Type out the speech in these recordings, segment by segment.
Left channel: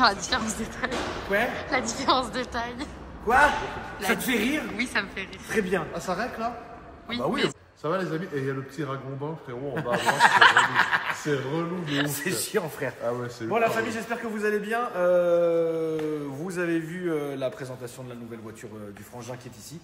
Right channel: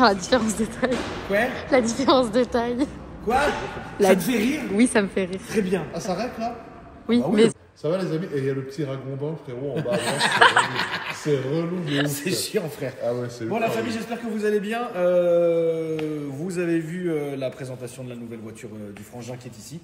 faire la différence de taille. Ouais. La différence de taille. Quoi? Ça te fait rire? Oui, ça me fait rire. Très bien. Ah, ça règle là? Oui, Bah oui, mais... Ça va les amis? Et il y a le petit ragondin, frérot, en bas à droite. C'est relou de ouf. C'est chiant, frère. Ah ouais, c'est Bon, la famille, j'espère que vous allez bien. Vous avez vu la présentation de la nouvelle voiture du frangin qui est ici.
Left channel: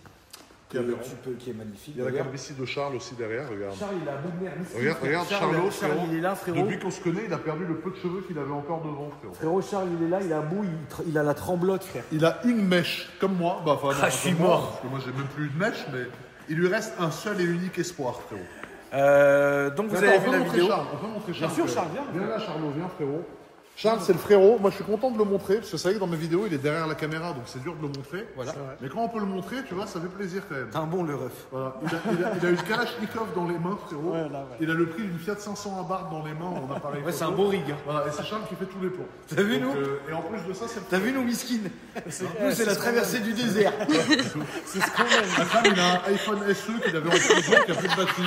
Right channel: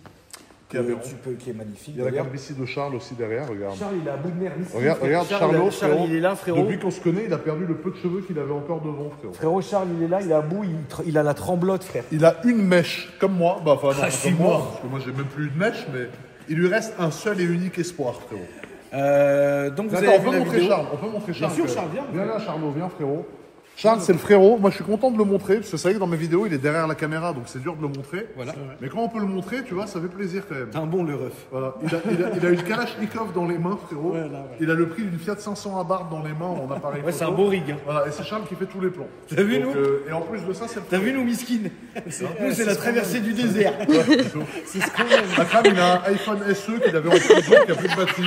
Qui est magnifique. Il y a la calvitie de Charles aussi derrière, regarde. Charles, il a bout de nerf. Regarde Charlot, frérot. Il est là, frérot. Depuis qu'on se connaît, il a perdu le peu de cheveux qu'il avait encore devant, frérot. Frérot, Charles, il est là, il a bout, il a la tremblote, frère. Il a une mèche, comme moi. Bah, enfin, non, Ah, comme moi, parce que moi, j'ai même plus une mèche, mais il lui reste un seul et unique espoir, frérot. Donc, vous Attends, avez on vu peut la montrer vidéo. Charles, on peut montrer Charles. Bien sûr, Charles, viens. Viens là, Charlot, viens, frérot. Charles, c'est le frérot. Moi, je suis content de le montrer, parce que c'est vrai que dans mes vidéos, il est derrière la caméra, donc c'est dur de le montrer. Voilà. Mais quand on peut le montrer, tu vois, ça fait plaisir quand même. T'es un bon le ref. Voilà. Il a une Kalachnikov dans les mains, frérot. Ouais, là, ouais. Il a le prix d'une Fiat 500 Abarth dans les mains en appareil Ouais, photo. c'est un beau rig. Hein. Voilà, et c'est Charles qui fait tous les plans. T'as vu, Donc, nous et en plus de ça, c'est le T'as vu nous, miskin? Nous, c'est la traversée du désert. C'est ce qu'on aime. La femme, il a un iPhone SE qu'il avait en prison qui a plus de batterie.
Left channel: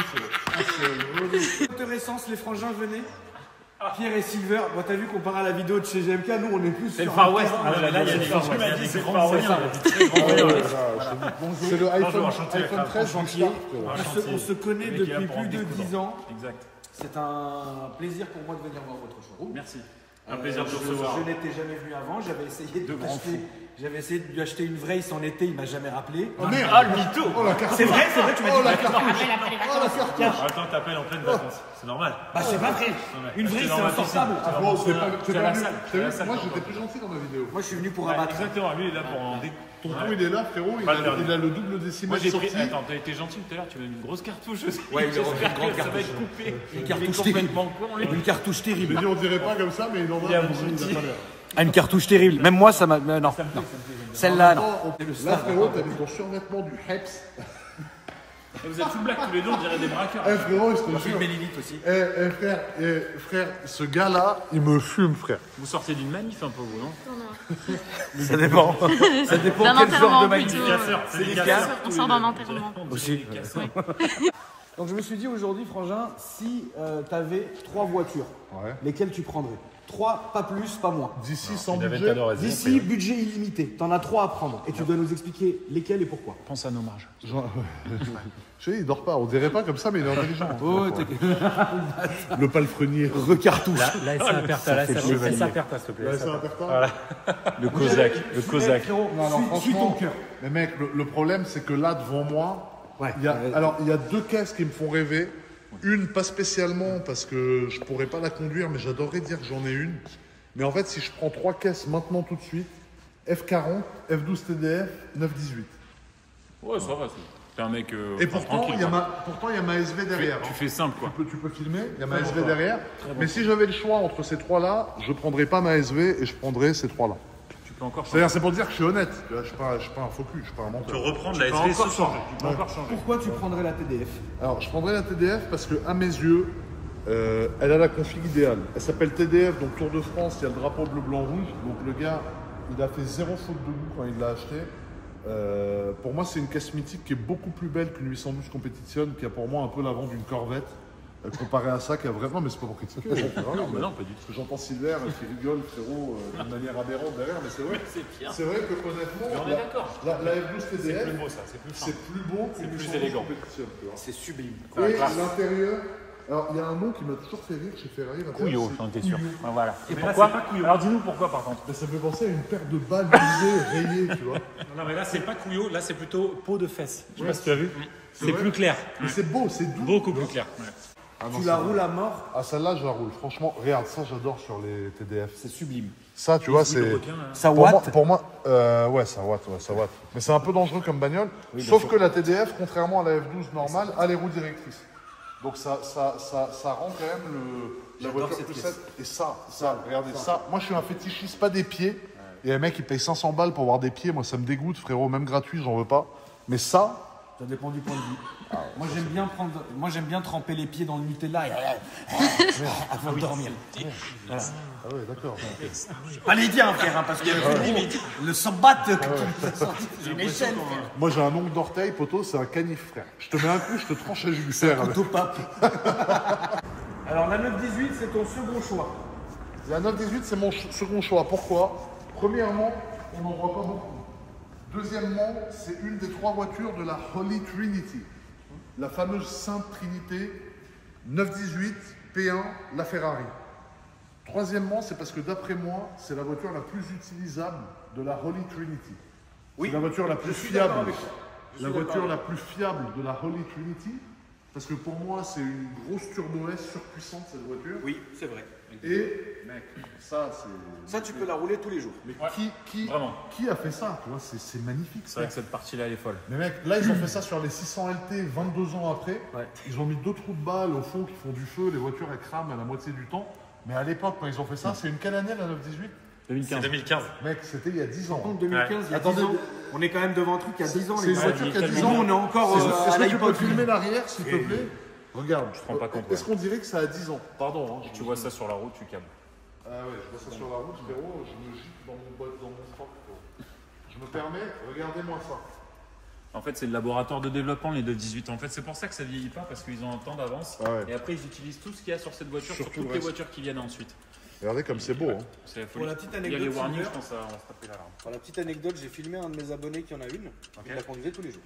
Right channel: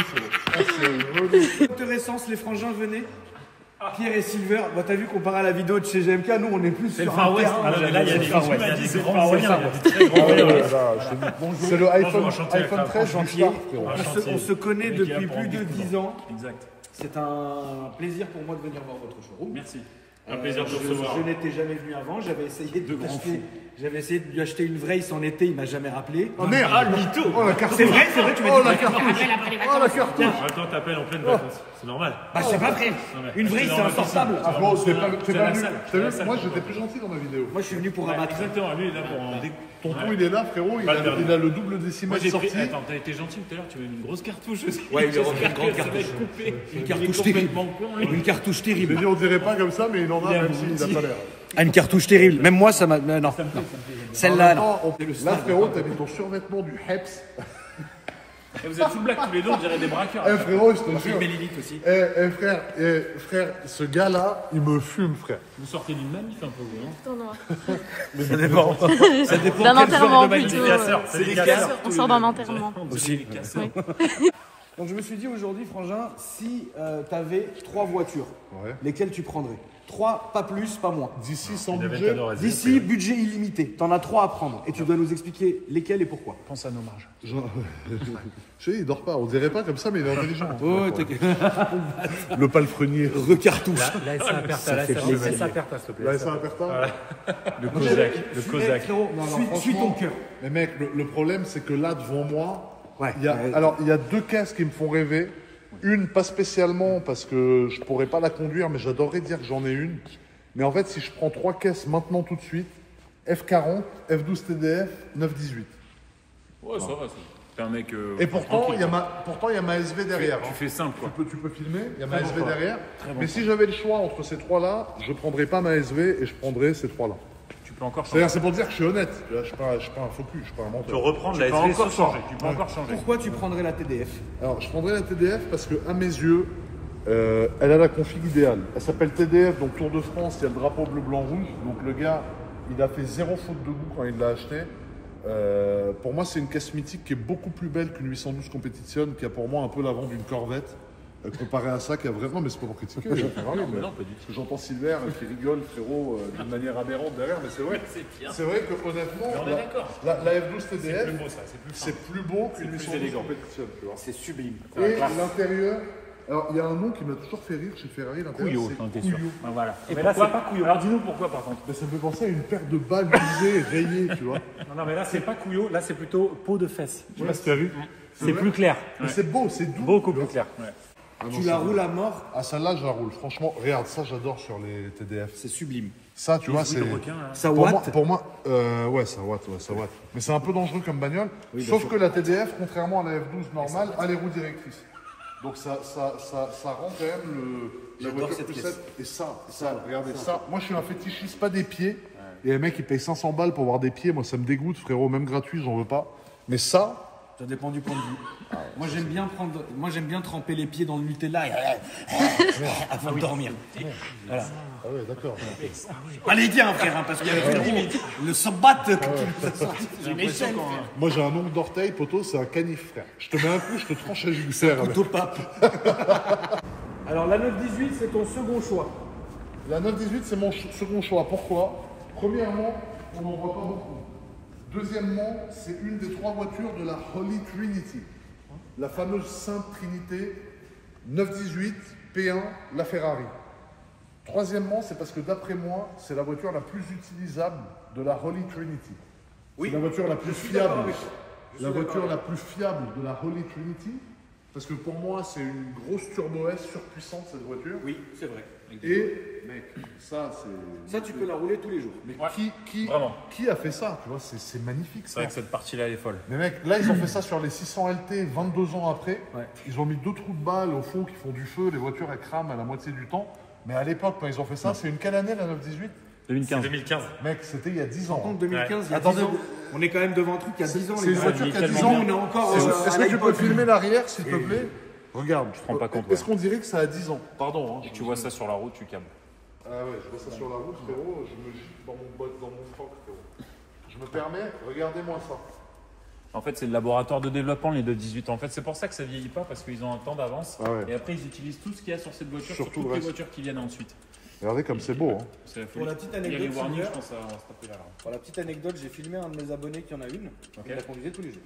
C'est Intéressance, les frangins, venez. Pierre et Silver, bon, t'as vu comparé à la vidéo de chez GMK, nous on est plus sur un terrain. Ah, là, il y a des Far West, il y a des grands moyens, il y a des très grands moyens. C'est le iPhone, enchanté, iPhone 13 Chantier. chantier. On se connaît depuis plus de 10 ans. Exact. C'est un plaisir pour moi de venir voir votre showroom. Merci. Un plaisir de vous recevoir. Je n'étais jamais venu avant, j'avais essayé de lui acheter une vraie en été, il m'a jamais rappelé. Oh merde! Ah, le mytho! Oh la carte! C'est vrai, tu m'as dit. Oh la carte! Oh la carte! En même temps, t'appelles en pleine vacances. C'est normal. Bah, je sais pas, frère. Une vraie, c'est normal, insortable. Ah bon, c'est pas C'est la venu. salle. T'as vu, moi j'étais plus gentil dans ma vidéo. Moi, je suis venu pour abattre. Exactement, lui il est là pour en Tonton il est là, frérot, il a le double décimal Moi, sorti. Attends, t'as été gentil tout à l'heure, tu m'as mis une grosse cartouche. Ouais, il lui a refait une grande Ça va cartouche. être coupé. Une cartouche Il est terrible. complètement con, lui. Une cartouche J'ai terrible. dit on dirait pas comme ça, mais il en a même s'il n'a pas l'air. Ah, une cartouche terrible. Même moi, ça m'a. Non. Celle-là, non. Là, frérot, t'as mis ton survêtement du Heps. Et vous êtes full black tous les deux, on dirait des braqueurs. Eh frérot, je te jure. aussi. Frère, ce gars-là, il me fume, frère. Vous sortez d'une manif un peu, vous, non? Ça dépend. Ça dépend D'un quel genre enterrement de plutôt. manifestation. C'est des casseurs. On sort d'un enterrement. Aussi. Oui. Donc je me suis dit aujourd'hui, Frangin, si tu avais 3 voitures, Ouais. lesquelles tu prendrais? 3, pas plus, pas moins. D'ici, sans budget. D'ici, budget illimité. T'en as 3 à prendre. Et tu dois nous expliquer lesquelles et pourquoi. Pense à nos marges. Je sais, il dort pas. On dirait pas comme ça, mais il est intelligent. Oh, Le palefrenier. recartouche. Ça fait plaisir. Laisse un perte, s'il te plaît. Ouais, c'est un pertin. Le Kozak. Le Kozak. Frérot, Non, suis ton franchement. cœur. Mais mec, le problème, c'est que là, devant moi, Ouais. il y a 2 caisses qui me font rêver. Une, pas spécialement, parce que je pourrais pas la conduire, mais j'adorerais dire que j'en ai une. Mais en fait, si je prends 3 caisses maintenant, tout de suite, F40, F12 TDF, 918. Ouais, ça va, ça permet que. Et pourtant, il y a ma SV derrière. Tu fais simple, quoi. Tu peux filmer, il y a ma SV derrière. Mais si j'avais le choix entre ces 3-là, je prendrais pas ma SV et je prendrais ces 3-là. Tu peux encore changer. C'est-à-dire, c'est pour dire que je suis honnête. Tu vois, je suis pas un faux cul, je suis pas un menteur. Reprendre la Tu peux SV encore ce soir. changer. Tu peux encore changer. Pourquoi tu prendrais la TDF? Alors, je prendrais la TDF parce que, à mes yeux, elle a la config idéale. Elle s'appelle TDF, donc Tour de France, il y a le drapeau bleu, blanc, rouge. Donc le gars, il a fait 0 faute de goût quand il l'a acheté. Pour moi, c'est une caisse mythique qui est beaucoup plus belle qu'une 812 Competition, qui a pour moi un peu l'avant d'une Corvette. Comparé à ça, qui a vraiment, mais c'est pas pour critiquer, Ferrari, mais Non, pas du tout. parce que j'entends Silver qui rigole, frérot, d'une manière aberrante derrière, mais c'est vrai. C'est vrai que honnêtement, la F12 TDF, C'est plus beau, ça. C'est plus c'est plus beau qu'une plus 812 élégant. Competition, tu vois. C'est sublime. Et l'intérieur, alors il y a un nom qui m'a toujours fait rire chez Ferrari, l'intérieur, Couillot, j'en c'est étais sûr. Couillot. Ah, voilà. Mais là, c'est pas couillot. Alors dis-nous pourquoi, par contre. Mais ça me fait penser à une paire de balles usées, rayées, tu vois. Non, mais là, c'est pas couillot. Là, c'est plutôt peau de fesse. Je sais pas si tu tu as vu. C'est vrai plus clair. Mais c'est beau, c'est doux. Beaucoup plus clair. Ouais. Ah non, Tu c'est la beau. roules à mort, Ah, celle-là, je la roule. Franchement, regarde, ça, j'adore sur les TDF. c'est sublime. Ça, tu vois, c'est. Ça Pour moi, watt. ouais, ça watt, ouais, ça watt. Mais c'est un peu dangereux comme bagnole. Sauf que la TDF, contrairement à la F12 normale, a les roues directrices. Donc ça rend quand même la J'adore voiture cette plus pièce. safe. Et ça, regardez ça. Moi, je suis un fétichiste, pas des pieds. Et un mec, il paye 500 balles pour avoir des pieds. Moi, ça me dégoûte, frérot. Même gratuit, j'en veux pas. Mais ça, Ça dépend du point de vue. Moi, j'aime bien tremper les pieds dans le Nutella et avant de dormir. Voilà. ah ouais, d'accord. Pas les tiens, frère, hein, parce que le sambat que tu nous as sorti, c'est une échelle, frère. Moi, j'ai un ongle d'orteil, poteau, c'est un canif, frère. Je te mets un coup, je te tranche la jugulaire. Couteau pape. Alors, la 918, c'est ton second choix. La 918, c'est mon second choix. Pourquoi? Premièrement, on n'en voit pas beaucoup. Deuxièmement, c'est une des 3 voitures de la Holy Trinity, la fameuse Sainte Trinité 918 P1, la Ferrari. Troisièmement, c'est parce que d'après moi, c'est la voiture la plus utilisable de la Holy Trinity. C'est la voiture la plus fiable. La voiture la plus fiable de la Holy Trinity. Parce que pour moi, c'est une grosse Turbo S surpuissante, cette voiture. Oui, c'est vrai. Et, mec, ça, c'est... Ça, tu peux la rouler tous les jours. Mais Ouais, vraiment. qui a fait ça? Tu vois, c'est magnifique, C'est ça. vrai que cette partie-là, elle est folle. Mais mec, là, ils ont fait ça sur les 600 LT 22 ans après. Ouais. Ils ont mis 2 trous de balles au fond qui font du feu. Les voitures, elles crament à la moitié du temps. Mais à l'époque, quand ils ont fait ça, c'est une quelle année, la 918? 2015. 2015. Mec, c'était il y a 10 ans. Par contre, 2015, il y a Attendez, 10 ans, on est quand même devant un truc il y a 10 ans, c'est les une gars. voiture qui a Quel 10 Nous, ans. on est encore... Est-ce que tu peux filmer l'arrière, s'il te plaît? Regarde. Je te rends pas compte. Est-ce qu'on dirait que ça a 10 ans? Pardon. Hein, Tu vois ça sur la route, tu calmes. Ah ouais, je vois ça sur la route, frérot. Je me gicle dans mon bot, dans mon temps, frérot. Je me permets, regardez-moi ça. En fait, c'est le laboratoire de développement, les 218. En fait, c'est pour ça que ça vieillit pas, parce qu'ils ont un temps d'avance. Ah ouais. Et après, ils utilisent tout ce qu'il y a sur cette voiture, sur Surtout toutes le les reste. voitures qui viennent ensuite. Regardez comme c'est beau. Hein. C'est la Pour folie. la petite Il y a anecdote, les warnings, je Silver, pense, on va se taper là. pour la petite anecdote, j'ai filmé un de mes abonnés qui en a une. Il la conduisait tous les jours.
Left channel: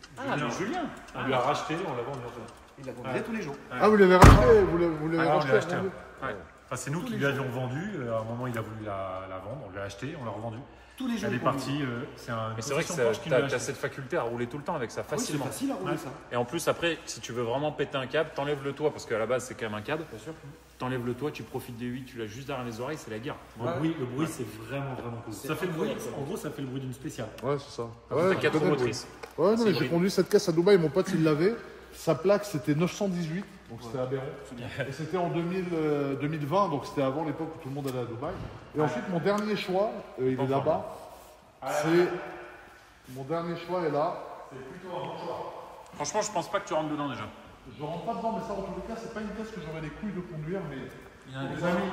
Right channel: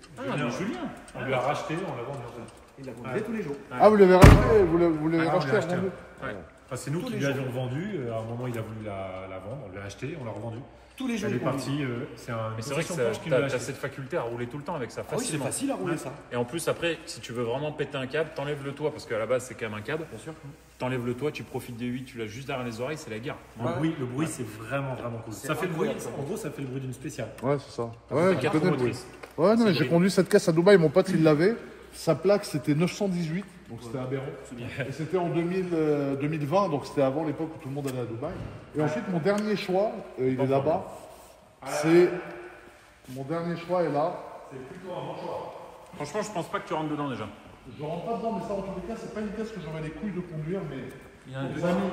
Julien, on l'a racheté, on l'a vendu. Il la conduisait tous les jours. Ah, vous l'avez racheté? Vous l'avez Ah, on racheté? l'a acheté. vendu Enfin, c'est nous qui lui avions vendu. À un moment, il a voulu la vendre. On l'a acheté, on l'a revendue. Tous les jours, Elle est il conduisait. partie. C'est un. Mais c'est vrai que possession proche qui nous l'a t'as acheté. cette faculté à rouler tout le temps avec ça, Ah oui, c'est facilement. facile à rouler ça. Et en plus, après, si tu veux vraiment péter un câble, t'enlèves le toit, parce qu'à la base, c'est quand même un câble. Bien sûr. T'enlèves le toit, tu profites des 8, tu l'as juste derrière les oreilles, c'est la guerre. Le bruit, c'est vraiment cool. Ça fait le bruit. En gros, ça fait le bruit d'une spéciale. Ouais, c'est ça. C'est Ouais, 4 je connais. motrices. Ouais, non, j'ai conduit cette caisse à Dubaï, mon pote il l'avait. Sa plaque c'était 918, donc c'était aberrant. Et c'était en 2020, donc c'était avant l'époque où tout le monde allait à Dubaï. Et ensuite, mon dernier choix, il est là-bas. C'est. Mon dernier choix est là. Franchement, je pense pas que tu rentres dedans déjà. Je rentre pas dedans, mais ça en tous les cas, c'est pas une caisse que j'aurais les couilles de conduire, mais. Les amis,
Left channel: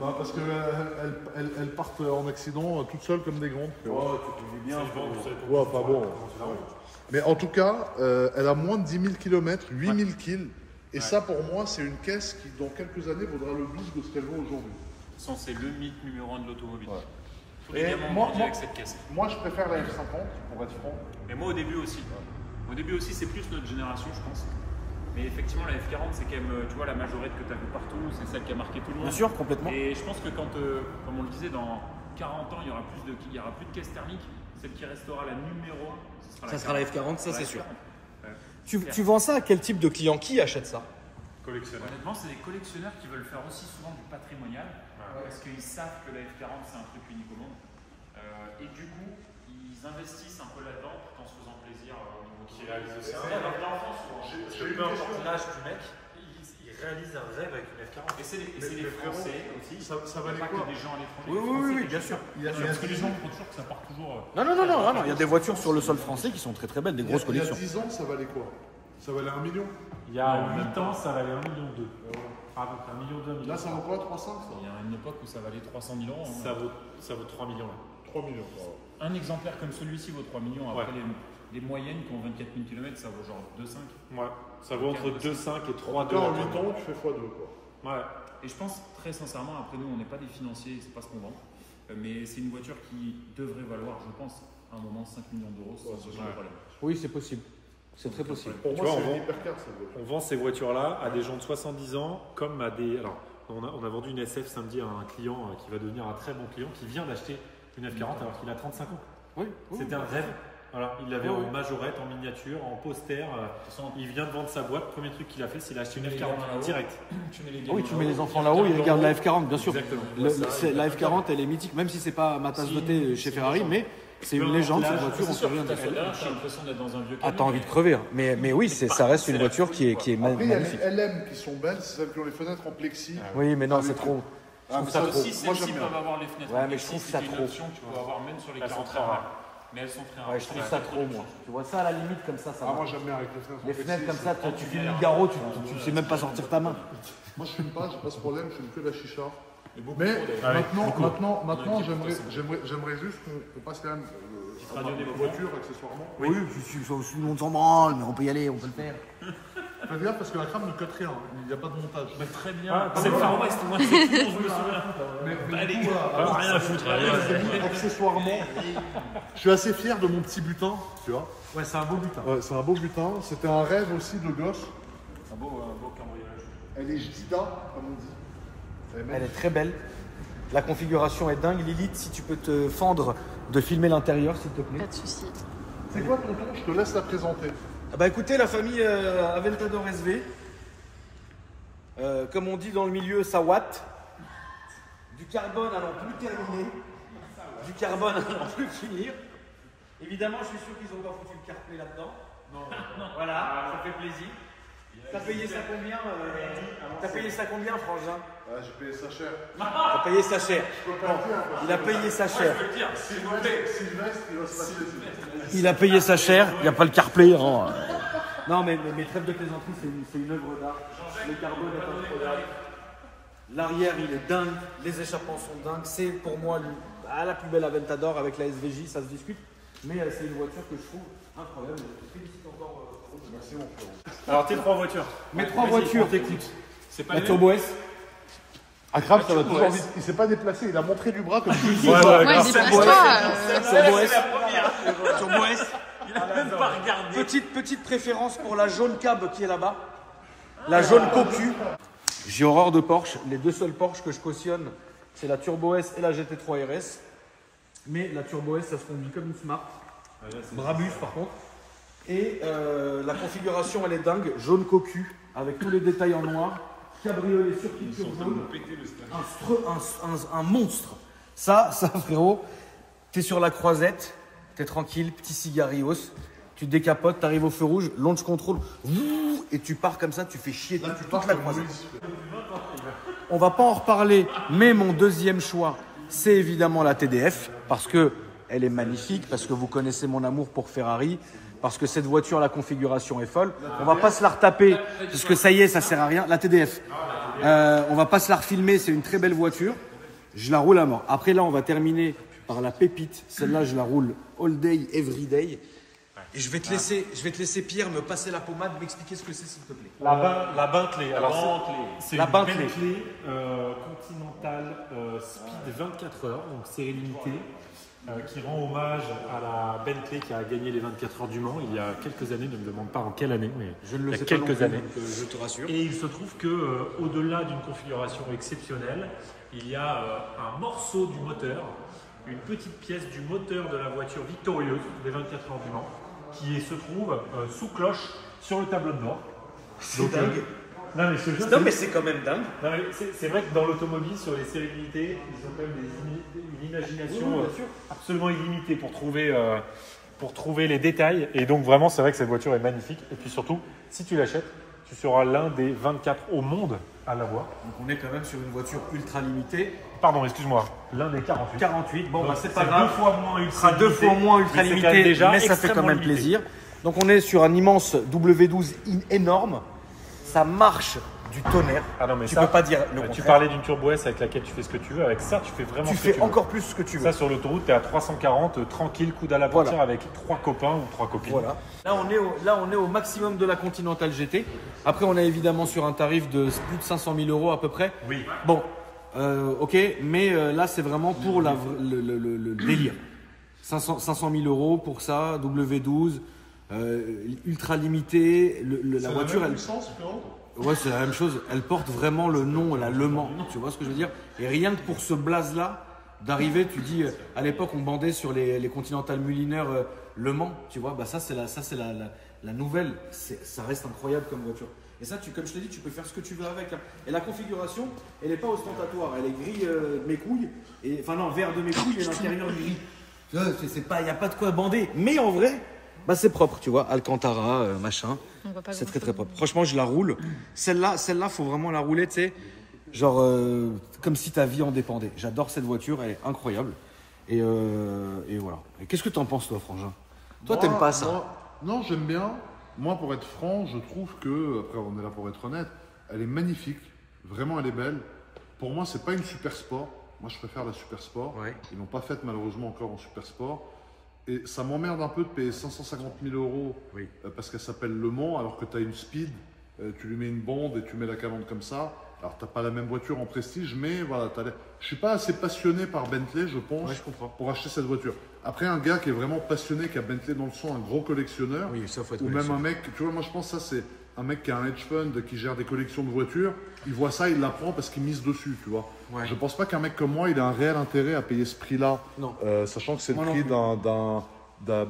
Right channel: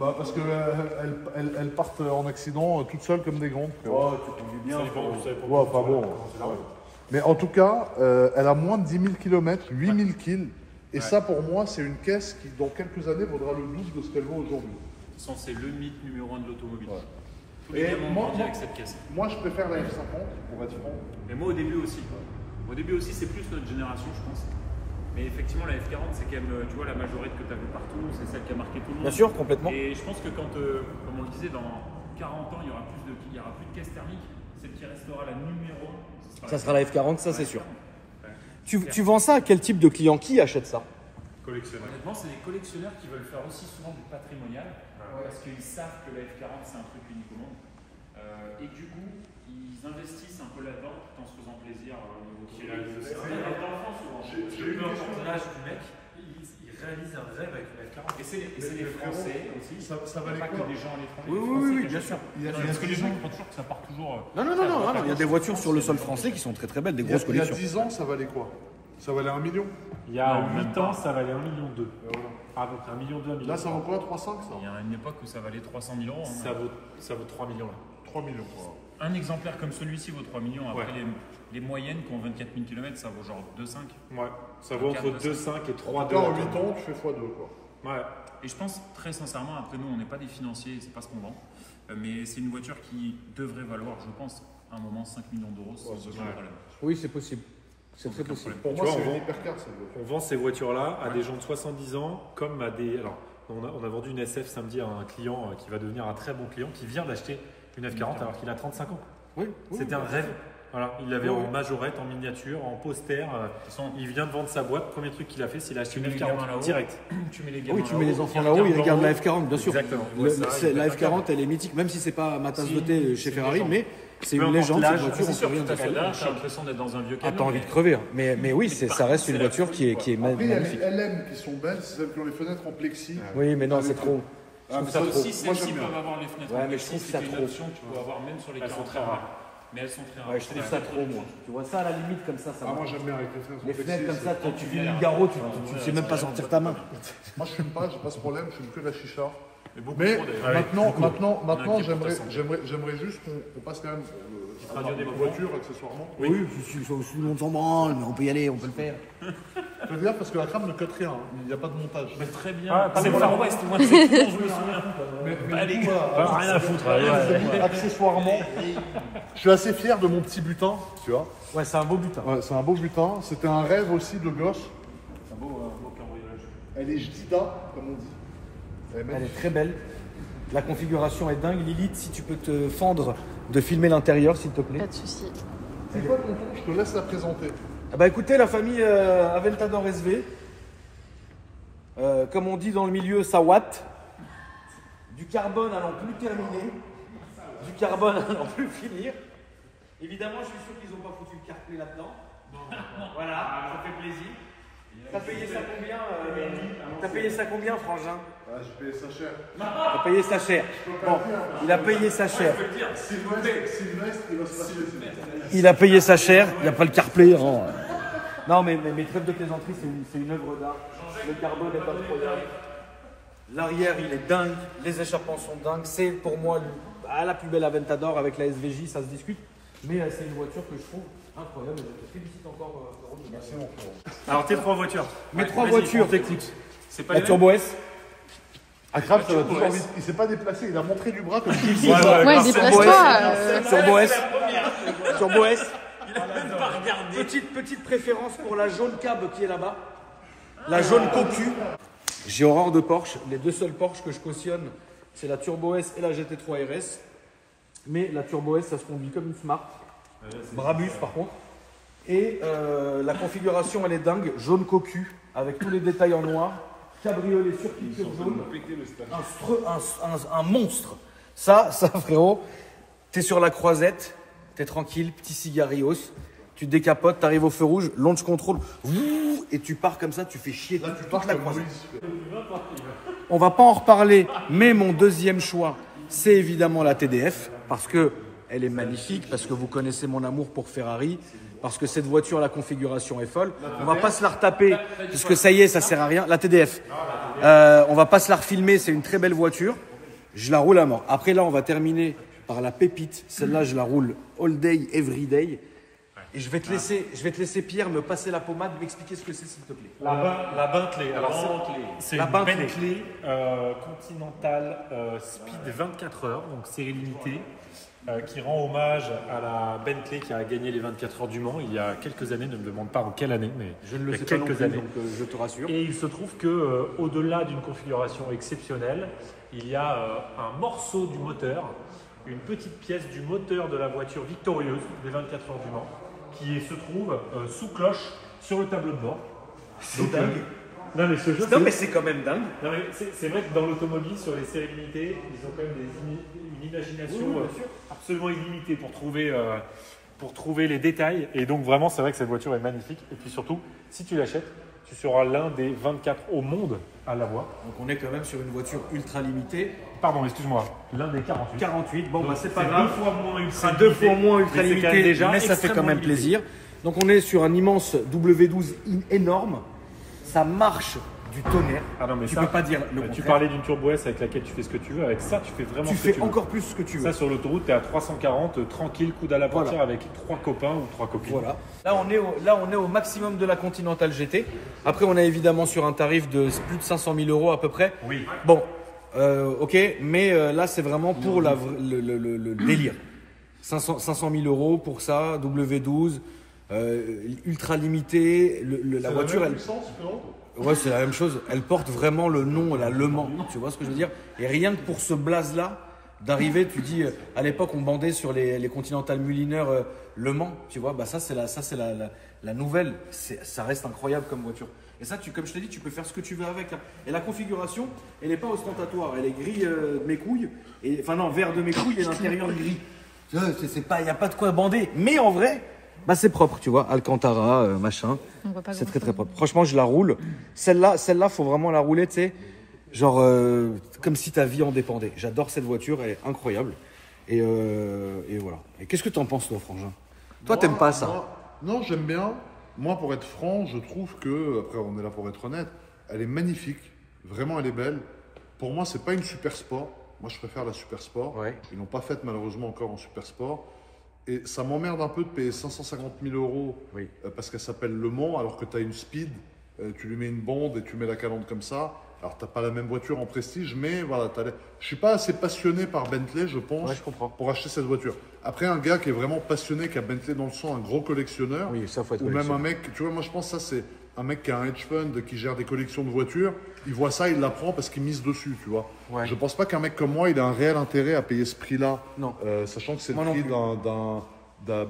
Bah, parce qu'elles partent en accident toutes seules comme des grandes. ça dépend. Vous savez pas. Ouais, pas bon. Mais en tout cas, elle a moins de 10 000 km, 8 000 kills. Et ça, pour moi, c'est une caisse qui, dans quelques années, vaudra le double de ce qu'elle vaut aujourd'hui. De toute façon, c'est le mythe numéro 1 de l'automobile. Tous Et les gamins ont moi- grandi avec cette caisse. Moi, je préfère la F50, pour être franc. Mais moi, au début aussi. Au début aussi, c'est plus notre génération, je pense. Mais effectivement, la F40, c'est quand même, tu vois, la majorette que tu as vu partout, c'est celle qui a marqué tout le monde. Bien sûr, complètement. Et je pense que quand, comme on le disait, dans 40 ans, il y aura plus de caisse thermique. Celle qui restera la numéro 1, Ça sera la F40, ça c'est sûr. Tu vends ça à quel type de client? Qui achète ça? Collectionneur. Honnêtement, c'est des collectionneurs qui veulent faire aussi souvent du patrimonial parce qu'ils savent que la F40 c'est un truc unique au monde. Et du coup, ils investissent un peu là-dedans tout en se faisant plaisir au niveau Qui réalise aussi un Avec rêve. l'enfant souvent. Peu importe l'âge du mec, il réalise un rêve avec une F40. Et c'est les Français aussi. Ça Il y a valait pas quoi? que des gens à l'étranger. Oui, les oui, Français oui, qui bien achètent. sûr. Il y a Parce que les gens ils pensent toujours que ça part toujours. Non, il y a des voitures sur le sol français qui sont très très belles, des grosses Il y a collections. 10 ans, ça valait quoi? Ça valait 1 million. Il y a 8 ans, ça valait 1,2 million. Ah, donc 1,2 million, 1 million. Là, ça vaut quoi? 3,5 ça? Il y a une époque où ça valait 300 000 euros. hein. Ça vaut 3 millions. Là. 3 millions. Wow. Un exemplaire comme celui-ci vaut 3 millions. Après, les moyennes qui ont 24 000 km, ça vaut genre 2,5. Ouais. Ça vaut entre 2,5 et 3,2. Là, en 8 ans, tu fais x2 quoi. Ouais. Et je pense très sincèrement, après nous, on n'est pas des financiers, c'est pas ce qu'on vend. Mais c'est une voiture qui devrait valoir, je pense, à un moment 5 millions d'euros sans aucun problème. Oui, c'est possible. C'est très possible. Pour Tu moi, vois, c'est on une vend- hypercar cette voiture. On vend ces voitures-là à des gens de 70 ans comme à des. Alors, on a vendu une SF samedi à un client qui va devenir un très bon client qui vient d'acheter une F40 alors qu'il a 35 ans. Oui, C'était un rêve. Voilà, il l'avait en majorette, en miniature, en poster. Il vient de vendre sa boîte. Premier truc qu'il a fait, c'est qu'il a acheté une F40 direct. Tu mets les oui, tu mets les enfants là-haut, ils regardent la F40, bien sûr. Exactement. La F40, elle est mythique, même si c'est pas ma tasse de thé chez Ferrari, mais c'est une légende, cette voiture, on peut rien dire. Là, j'ai l'impression d'être dans un vieux Ah, camion. t'as envie de crever. hein. Mais oui, ça reste une voiture qui est Après, il y a magnifique. les LM qui sont belles, c'est celles qui ont les fenêtres en plexi. Oui, mais non, c'est trop. Ah, mais Ça aussi, moi, celles-ci j'aime bien. peuvent avoir les fenêtres. Ouais, en mais je plexi, trouve ça c'est une trop. option que tu peux avoir même sur les 40 heures. Mais elles sont très rares. Ouais, je trouve ça trop, moi. Tu vois ça à la limite comme ça, ça Ah, va. moi, j'aime bien avec les fenêtres en Les plexi. fenêtres comme ça, quand tu fais le garrot, tu sais même pas sortir ta main. Moi, je fume pas, j'ai pas ce problème, je fume que la chicha. beaucoup Mais trop, d'ailleurs. maintenant, j'aimerais juste qu'on passe quand même à ma voiture accessoirement. Oui, tout le monde s'en branle, mais on peut y aller, on peut le faire. Fais gaffe parce que la crame ne cote rien, il n'y a pas de montage. Bah, très bien. Ah, c'est le voilà. Far West, moi, c'est tout, on veut ça. Mais du coup, voilà, alors, rien à foutre, les amis, accessoirement, je suis assez fier de mon petit butin, tu vois. Ouais, c'est un beau butin. Ouais, c'est un beau butin. C'était un rêve aussi de gosse. Elle est Jdida, comme on dit. Elle est très belle. La configuration est dingue. Lilith, si tu peux te fendre de filmer l'intérieur, s'il te plaît. Pas de souci. C'est quoi ton tour? Je te laisse la présenter. Bah écoutez, la famille Aventador SV, comme on dit dans le milieu, ça watt. Du carbone à n'en plus terminer. Du carbone à n'en plus finir. Évidemment, je suis sûr qu'ils n'ont pas foutu le CarPlay là-dedans. Voilà, ça fait plaisir. T'as payé ça combien T'as payé ça combien, Frangin? Ah, j'ai payé ça cher. T'as payé ça cher. Bon, il a payé ça cher. Sylvestre, il va se passer. Il a payé ça cher, il n'y a pas le CarPlay. Hein. Non, mais trêve de plaisanterie, c'est une œuvre d'art. Le carbone est pas trop dingue. L'arrière, il est dingue. Les échappements sont dingues. C'est pour moi la plus belle Aventador avec la SVJ, ça se discute. Mais c'est une voiture que je trouve incroyable. Je félicite encore. Merci. Alors, tes 3 voitures. Mes 3 Vas-y, voitures. on t'écoute. C'est pas La les Turbo S. Akram, ça va toujours envie. Il s'est pas déplacé, il a montré du bras comme je Ouais, déplace-toi. Turbo S. Turbo S. Petite préférence pour la jaune cab qui est là-bas. La jaune cocu. J'ai horreur de Porsche. Les deux seuls Porsche que je cautionne, c'est la Turbo S et la GT3 RS. Mais la Turbo S, ça se conduit comme une Smart. Brabus par contre. Et la configuration, elle est dingue. Jaune cocu, avec tous les détails en noir. Cabriolet sur culture jaune. Un monstre. Ça frérot, t'es sur la croisette, t'es tranquille, petit cigarios. Tu te décapotes, t'arrives au feu rouge, launch control, et tu pars comme ça, tu fais chier toute la croisette. On va pas en reparler, mais mon deuxième choix, c'est évidemment la TDF, parce que elle est magnifique, parce que vous connaissez mon amour pour Ferrari, parce que cette voiture, la configuration est folle. On va pas se la retaper, parce que ça y est, ça sert à rien. La TDF, on va pas se la refilmer, c'est une très belle voiture. Je la roule à mort. Après là, on va terminer par la pépite. Celle-là, je la roule all day, every day. Et je vais te laisser Pierre me passer la pommade, m'expliquer ce que c'est, s'il te plaît. La Bentley. Alors, c'est La une Bentley. Bentley Continental Speed 24 heures, donc série limitée, qui rend hommage à la Bentley qui a gagné les 24 heures du Mans il y a quelques années. Ne me demande pas en quelle année, mais Je ne le il y sais a pas non quelques plus, années. donc je te rassure. Et il se trouve que au-delà d'une configuration exceptionnelle, il y a un morceau du moteur, une petite pièce du moteur de la voiture victorieuse des 24 heures du Mans, qui se trouve sous cloche sur le tableau de bord. Donc, non mais je te jure, Non, mais c'est quand même dingue. non, mais c'est vrai que dans l'automobile, sur les séries limitées, ils ont quand même une imagination Oui, bien sûr. absolument illimitée pour trouver les détails. Et donc vraiment, c'est vrai que cette voiture est magnifique. Et puis surtout, si tu l'achètes, tu seras l'un des 24 au monde à l'avoir. Donc on est quand même sur une voiture ultra limitée. Pardon, excuse-moi, l'un des 48. 48, bon bah c'est pas C'est grave. 2 fois moins ultra sera 2 fois moins ultra mais c'est quand même limité, déjà mais ça fait quand même extrêmement limité. plaisir. Donc on est sur un immense W12 énorme. Ça marche du tonnerre. Ah non, mais Tu ça, peux pas dire le tu contraire. parlais d'une Turbo S avec laquelle tu fais ce que tu veux. Avec ça, tu fais vraiment Tu ce que fais tu veux. encore plus ce que tu veux. Ça, sur l'autoroute, tu es à 340, tranquille, coude à la portière avec 3 copains ou 3 copines. Voilà. Là on est au maximum de la Continental GT. Après, on est évidemment sur un tarif de plus de 500 000 € à peu près. Oui. Bon, ok, mais là, c'est vraiment pour le délire. 500 000 € pour ça, W12, ultra limité. La voiture, elle. Ouais, c'est la même chose. Elle porte vraiment le nom, la Le Mans. Tu vois ce que je veux dire? Et rien que pour ce blaze-là, d'arriver, tu dis, à l'époque, on bandait sur les Continental Mulliner Le Mans. Tu vois, bah ça, c'est la nouvelle. Ça reste incroyable comme voiture. Et ça, comme je t'ai dit, tu peux faire ce que tu veux avec. Hein. Et la configuration, elle n'est pas ostentatoire. Elle est gris de mes couilles. Enfin non, vert de mes couilles et l'intérieur gris. Tu vois, il n'y a pas de quoi bander. Mais en vrai, bah c'est propre, tu vois. Alcantara, machin. On voit pas C'est très grand-chose. propre. Franchement, je la roule. Celle-là, faut vraiment la rouler, tu sais. Genre, comme si ta vie en dépendait. J'adore cette voiture, elle est incroyable. Et voilà. Et qu'est-ce que t'en penses, toi, Frangin? Toi, t'aimes pas ça? Non, j'aime bien. Moi, pour être franc, je trouve que, après, on est là pour être honnête, elle est magnifique. Vraiment, elle est belle. Pour moi, c'est pas une super sport. Moi, je préfère la super sport. Ouais. Ils l'ont pas faite, malheureusement, encore en super sport. Et ça m'emmerde un peu de payer 550 000 € Oui. parce qu'elle s'appelle Le Mans, alors que tu as une Speed tu lui mets une bande et tu mets la calandre comme ça. Alors, tu n'as pas la même voiture en prestige, mais voilà. Je ne suis pas assez passionné par Bentley, je pense, Ouais, je comprends. pour acheter cette voiture. Après, un gars qui est vraiment passionné, qui a Bentley dans le sang, un gros collectionneur, Oui, ça faut être ou même collectionneur. un mec, tu vois, moi je pense que ça c'est un mec qui a un hedge fund, qui gère des collections de voitures, il voit ça, il la prend parce qu'il mise dessus, tu vois. Ouais. Je pense pas qu'un mec comme moi, il a un réel intérêt à payer ce prix-là, Non. sachant que c'est le Moi non prix plus.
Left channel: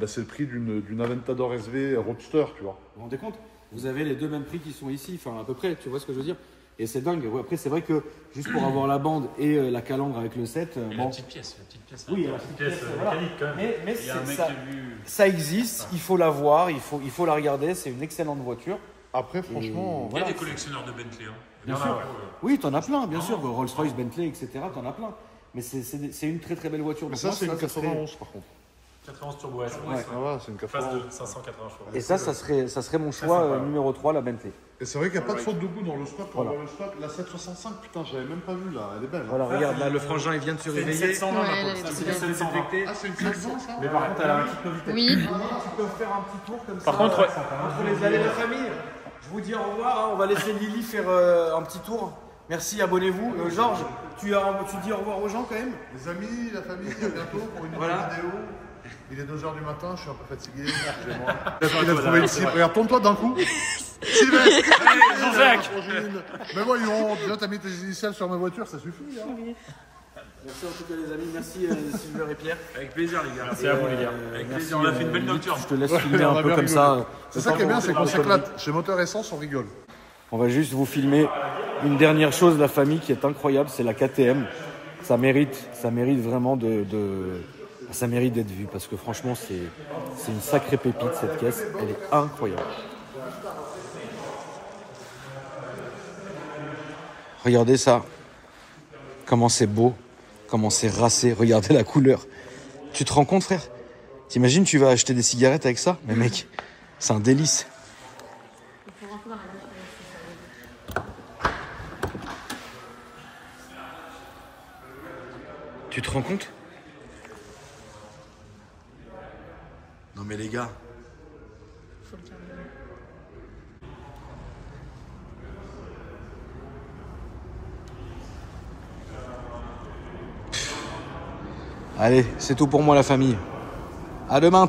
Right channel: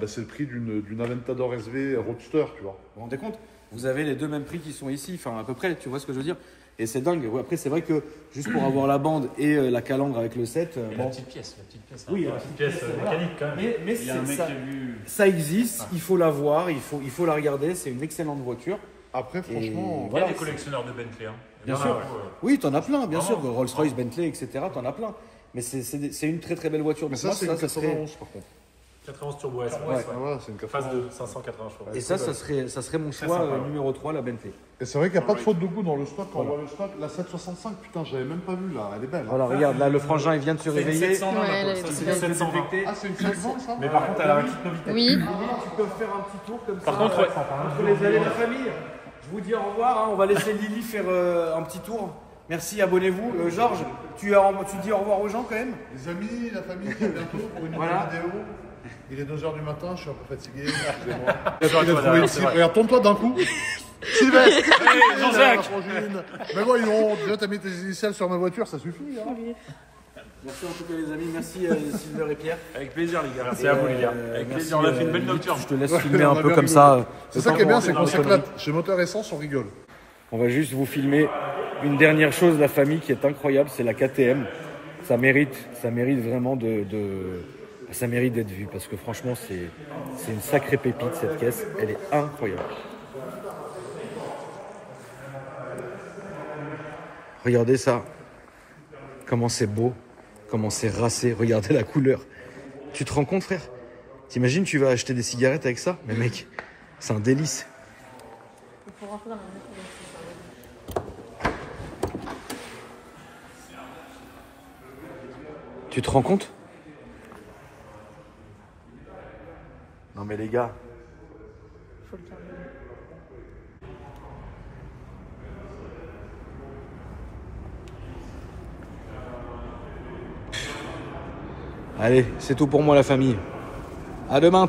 c'est le prix d'une Aventador SV Roadster, tu vois. Vous vous rendez compte? Vous avez les deux mêmes prix qui sont ici, enfin à peu près, tu vois ce que je veux dire? Et c'est dingue. Ouais, après, c'est vrai que juste pour avoir la bande et la calandre avec le 7, Et bon. la petite pièce. Oui, la la petite petite pièce pièce, voilà. métallique quand même. Mais Il y a un mec ça, qui a vu. ça existe, il faut la voir, il faut la regarder, c'est une excellente voiture. Après, franchement, Il y Voilà. a des collectionneurs de Bentley. Hein. Bien Il y en a, sûr. ouais. Oui, t'en as plein, bien sûr. Vraiment. Rolls-Royce, Bentley, etc. T'en as plein. Mais c'est une très très belle voiture. mais Donc ça moi, c'est une ça serait. 91 par contre. 91 Turbo S. Ouais. Ah ouais, c'est une Phase 91. de 580 chevaux. Et ça serait mon choix sympa, ouais. numéro 3, la Bentley. Et c'est vrai qu'il n'y a pas de faute de goût dans le stock. Quand Voilà. on voit le stock, la 765, putain, j'avais même pas vu là, elle est belle. hein. Voilà, regarde, là, le frangin, il vient de se C'est une réveiller. 720 Ouais, par elle contre. est Ça, trop c'est belle. une 720 Ah, c'est une 700 ça. Mais par contre, elle a un petite novité. Oui. Tu peux faire un petit tour comme ça. Par contre, ouais. Entre les allées de la famille. Je vous dis au revoir. hein. On va laisser Lily faire un petit tour. Merci, abonnez-vous. Georges, tu dis au revoir aux gens quand même. Les amis, la famille, à bientôt pour une nouvelle vidéo. Il est 2h du matin, je suis un peu fatigué, excusez-moi. Il a trouvé une cible. Regarde, tourne-toi d'un coup. Sylvestre. Jean-Jacques. Mais voyons, déjà t'as mis tes initiales sur ma voiture, ça suffit. Hein. Merci en tout cas les amis. Merci Sylvain et Pierre. Avec plaisir, les gars. Merci à vous, les gars. Avec Merci, plaisir, on a fait une belle Lily, nocturne. Je te laisse filmer un peu comme ça. C'est ça qui est bien, c'est qu'on s'éclate. Chez Moteur Essence, on rigole. On va juste vous filmer une dernière chose, la famille, qui est incroyable, c'est la KTM. Ça mérite vraiment ça mérite d'être vu parce que franchement, c'est une sacrée pépite cette caisse. Elle est incroyable. Regardez ça. Comment c'est beau. Comment c'est racé. Regardez la couleur. Tu te rends compte, frère? T'imagines, tu vas acheter des cigarettes avec ça? Mais mec, c'est un délice. Tu te rends compte? Non mais les gars. Allez, c'est tout pour moi la famille. À demain.